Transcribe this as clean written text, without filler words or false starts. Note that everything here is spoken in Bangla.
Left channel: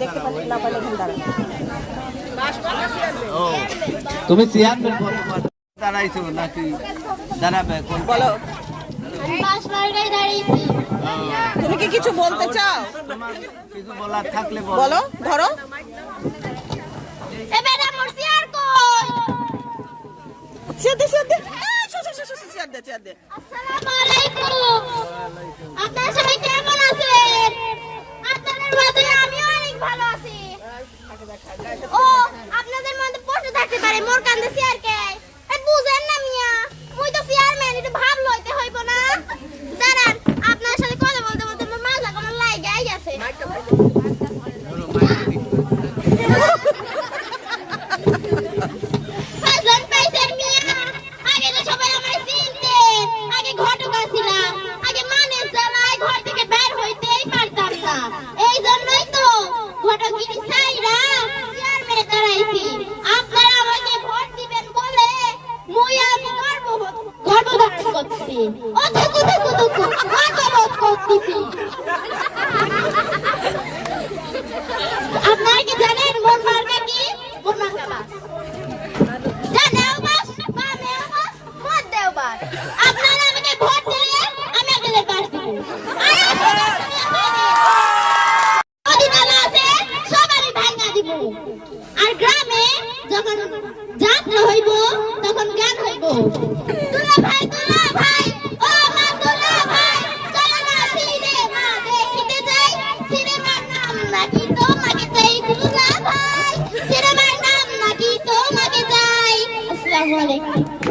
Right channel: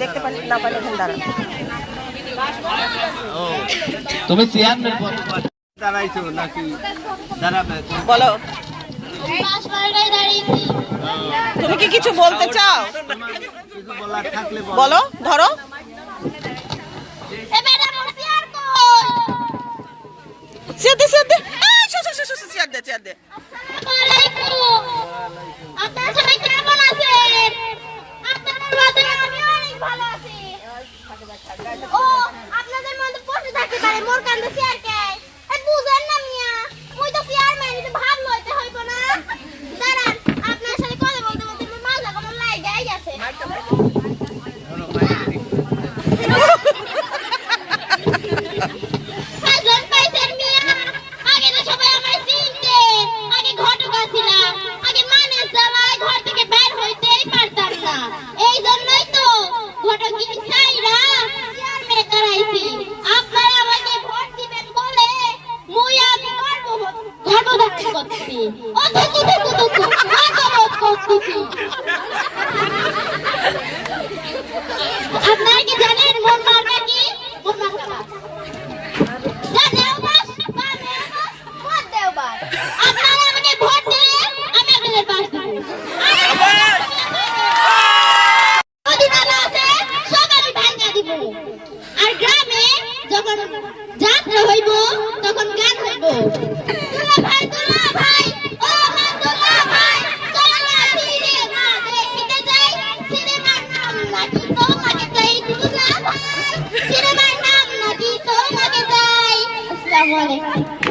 দেখতে পারি না পারি এখানে দাঁড়ান। তুমি চেয়ারম্যান দাঁড়াইছো নাকি দাঁড়াবে বলো তুমি কি কিছু বলতে চাও? বলো ধরো। আপনারা সবাই কেমন আছেন? আপনাদের মধ্যে আমিও অনেক ভালো আছি। ও আপনাদের মধ্যে প্রশ্ন থাকতে পারে মোর কান্দে চেয়ার কে? এই বুঝেন না মিয়া, মুই তো চেয়ারম্যান, এটা ভাব লইতে হইব না। দাঁড়ান, আপনার সাথে কথা বলতে বলতে আমার মাথা কোনো লাগাই গেছে। হাজার পাইছেন মিয়া, আগে তো সবাই আমার চিনতেন, আগে ঘটক ছিলাম, আগে মানের জ্বালায় ঘর থেকে বের হইতেই পারতাম না। এই জন্যই তো ঘটক কি চাইরা চেয়ারম্যানে দাঁড়াইছি। আপনারা আমাকে ভোট দিবেন বলে মুই আমি গর্বধারণ করতেছি। ও থুকু থুকু থুকু গর্ববোধ করতেছি। আপনারা কি জানেন মোর মার্কা কি? মোর মার্কা বাস। জানেও বাস, মানেও বাস, ভোট দেও বাস। আপনারা আমাকে ভোট দিলে আমি আপনাদের বাস দিব। অধিকার আছে সবারই ভাঙা দিব। আর গ্রামে যখন যাত্রা হইব তখন গান হইব। দুলা ভাই ও মা দুলা ভাই, চলো না সিনেমা দেখতে যাই। সিনেমার নাম নাকি তোমাকে চাই দুলা ভাই, সিনেমার নাম নাকি তোমাকে চাই। আসসালামু আলাইকুম।